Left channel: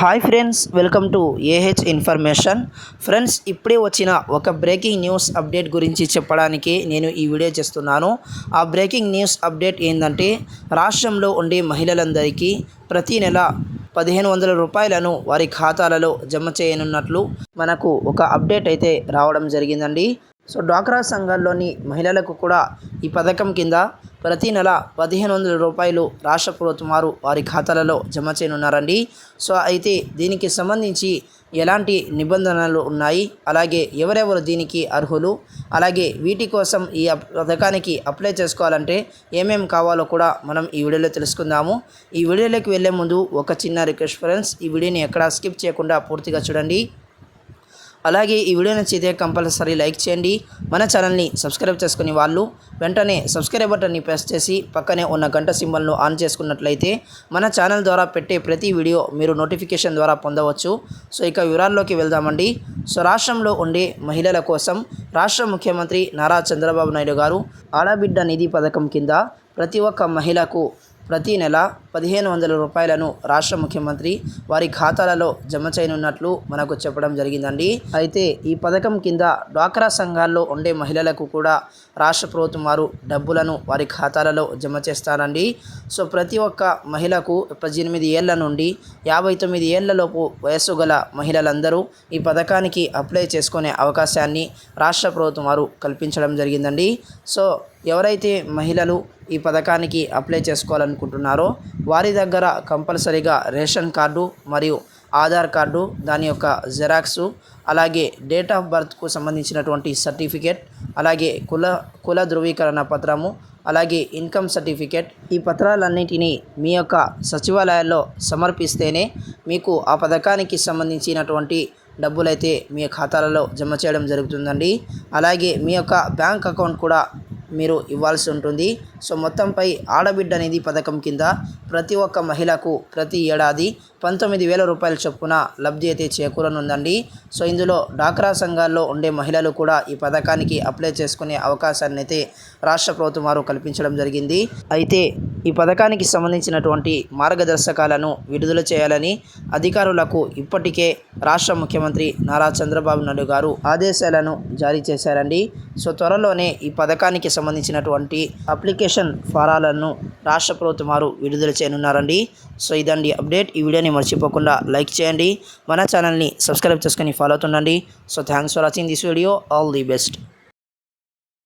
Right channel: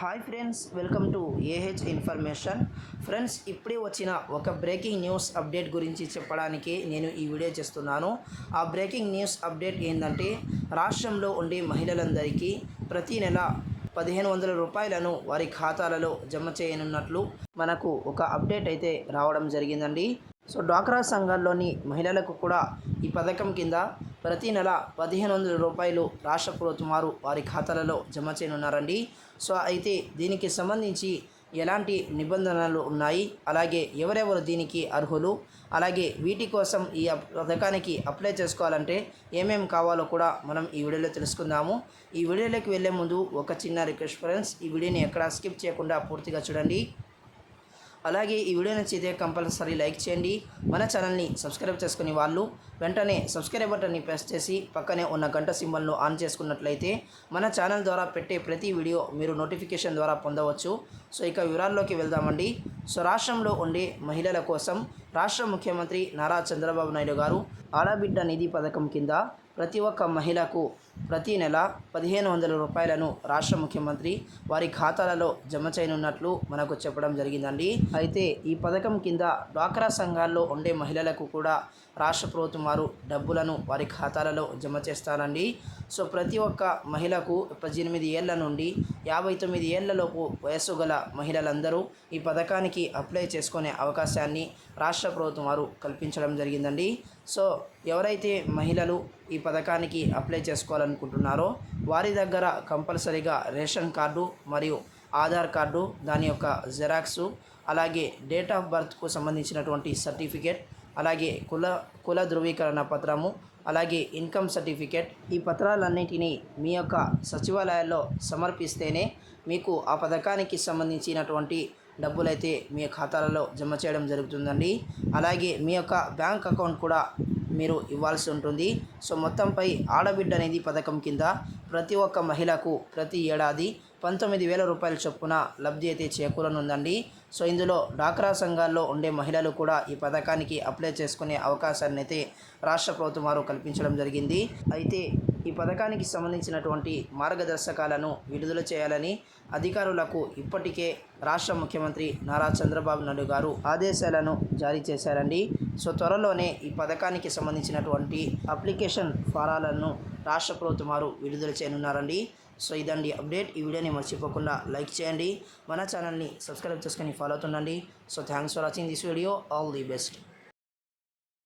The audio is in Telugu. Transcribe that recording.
Hi friends welcome to AH information. Friends ఇప్పుడే వచ్చిన ఒక బ్రేకింగ్ న్యూస్ అప్డేట్ గురించి చెప్పడానికి నేను ఈ వీడియో చేస్తున్నాను. ఆ బ్రేకింగ్ న్యూస్ అప్డేట్ ఏంటంటే రాష్ట్రంలో ఉండే మహిళలందరికీ ప్రతి నెల పదిహేను వందల రూపాయలను వారి ఖాతాలలో జమ చేయనున్నట్లు మనకు ఒక అప్డేట్ అయితే రావడం జరిగిందండి. సో డ్వాక్రా సంఘాల్లోని మహిళలకు కూడా ఈ పథకం కింద ప్రతి నెల పదిహేను వందల రూపాయలు రాష్ట్ర ప్రభుత్వం వారు వారి ఖాతాలలో జమ చేయనున్నారండి. సో అయితే దీనికి సంబంధించి ఎలాంటి నిబంధనలు ఉన్నాయి? అలాగే ఎవరెవరు దీనికి అర్హులు? అలాగే వీటి కోసం ఈ పథకానికి అప్లై చేసుకోవాలంటే ఏమేం కావాలో కూడా మనం ఈ వీడియోలో తెలుసుకుందాము. ఈ వీడియోలోకి వెళ్ళే ముందు ఒక చిన్న రిక్వెస్ట్ ఫ్రెండ్స్ ఈ వీడియోని ఎక్కడా స్కిప్ చేయకుండా పూర్తిగా చూడండి. అలాగే ఈ వీడియో నచ్చితే కంపల్సరీ లైక్ చేయండి. మన ఛానల్ని సబ్స్క్రైబ్ చేసుకుని వాళ్ళు వెంటనే సబ్స్క్రైబ్ బటన్ని ప్రెస్ చేసి పక్కనే ఉన్న గంట సింబల్ను ఆన్ చేసుకున్నట్లయితే మన ఛానల్ ద్వారా పెట్టే ప్రతి వీడియో మీరు నోటిఫికేషన్ ద్వారా పొందవచ్చు. సో ఇక వివరాల్లోకి వెళ్దామండి. సో రాష్ట్రంలో ఉండే మహిళల కోసం రాష్ట్ర ముఖ్యమంత్రి నారా చంద్రబాబు నాయుడు గారు ఆడబిడ్డ నిధి పథకం కింద ప్రతి ఒక్క మహిళకు ప్రతి నెల పదిహేను వందల రూపాయలను రాష్ట్ర ముఖ్యమంత్రి వారి ఖాతాలలో జమ చేయనున్నట్లు మనకు చెప్పడం జరిగిందండి. అయితే ఈ పథకం కింద డ్వాక్రా సంఘాల్లో ఉండే మహిళలకు కూడా రాష్ట్ర ప్రభుత్వం వారు డబ్బులను వారి ఖాతాలలో జమ చేస్తారండి. సో ప్రతి ఒక్క మహిళకు పద్దెనిమిది ఏళ్ళ నుండి యాభై తొమ్మిది ఏళ్ళలోపు వయస్సు గల మహిళలందరూ ఈ పథకానికి అప్లై చేసుకునే అవకాశాన్ని రాష్ట్ర ప్రభుత్వం వారు కల్పించడం జరిగిందండి. సో ఎవరైతే మహిళలు ఈ పథకానికి అప్లై చేసుకోవాలనుకుంటున్నారో వారి దగ్గర కంపల్సరీగా రేషన్ కార్డు మరియు ఆధార్ కార్డు దాని యొక్క జెరాక్సు అలాగే డేట్ ఆఫ్ బర్త్కు సంబంధించినటువంటి సర్టిఫికేట్ అలాగే కుల కుల ధృవీకరణ పత్రము అలాగే ఇన్కమ్ సర్టిఫికేట్ ఈ పత్రాలన్నింటినీ మీ యొక్క సచివాలయాల్లో సమర్పిస్తేనే మీకు ఆ పథకానికి సంబంధించినటువంటి డబ్బులైతే మీ ఖాతాలలో జమ చేయడం జరుగుతుందండి. అలాగే మీ యొక్క బ్యాంక్ అకౌంట్ కూడా మీరు ఇవ్వాల్సి ఉంటుంది. సో మొత్తంపై ఆడబిడ్డ అనేది పథకం కింద ప్రతి ఒక్క మహిళకు ప్రతి ఏడాది పంతొమ్మిది వేల రూపాయల చొప్పున లబ్ధి అయితే చేకూరనుందండి. సో ఇందులో డాక్రా సంఘాల్లో ఉండే మహిళలు కూడా ఈ పథకానికి అప్లై చేసుకునే అవకాశాన్ని అయితే రాష్ట్ర ప్రభుత్వం వారు కల్పించడం జరిగింది. అయితే ఈ పథకానికి సంబంధించినటువంటి మార్గదర్శకాలను విడుదల చేయాలని అధికారులకు ఇప్పటికే రాష్ట్ర ముఖ్యమంత్రి నారా చంద్రబాబు నాయుడు గారు ఆదేశాలను జారీ చేశారండి. సో త్వరలోనే ఈ పథకానికి సంబంధించినటువంటి అప్లికేషన్ ఫారాలను రాష్ట్ర ప్రభుత్వం వారు విడుదల చేయనున్నారండి. సో ఇదండి అప్డేట్. ఈ వీడియోని మర్చిపోకుండా లైక్ చేయండి. మన ఛానల్ని సబ్స్క్రైబ్ చేసుకొని follow అవుతుండండి. So thanks for watching this video. All the best.